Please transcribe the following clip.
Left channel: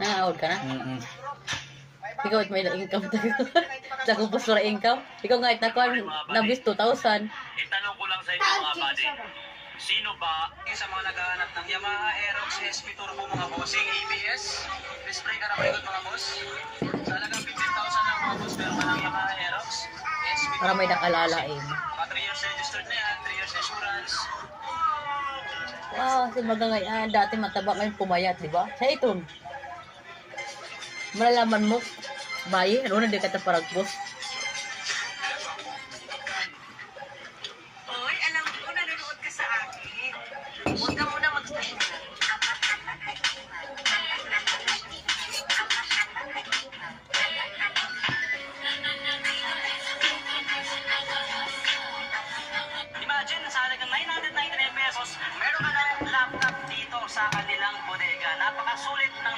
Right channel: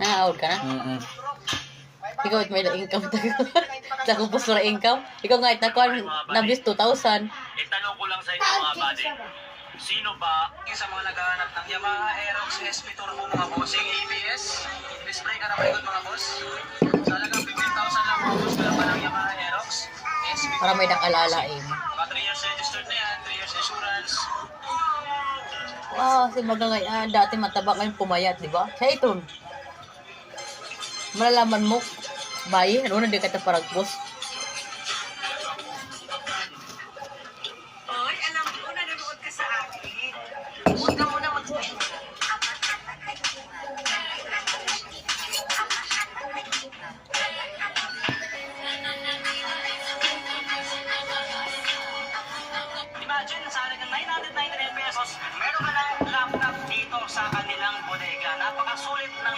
Naaawag ka na? Ikaw at may income tayo. Nakupos na income. Ikaw nga at nakuha nabis 2,000. Itanong ko lang sa inyo mga buddy. Sino ba yung sa mga naghahanap ng Yamaha Aerox SP Turbo mga bossing ABS? Display ka na malikot mga boss. Sa halagang 15,000 lang mga boss. Meron pa ng Yamaha Aerox SP Para may nakalala eh. Mga 3 years registered na yan. 3 years insurance. Wow, si Magangay, dati mataba ngayon pumayat, di ba? Siya ito. Malalaman mo, bayi, ano na di ka paragpos. Hoy, alam ko, nanonood ka sa akin. Huwag ka muna mag-stay. Imagine, sa halagang 999 pesos, meron ka lang laptop dito sa kanilang bodega. Napakasulit ng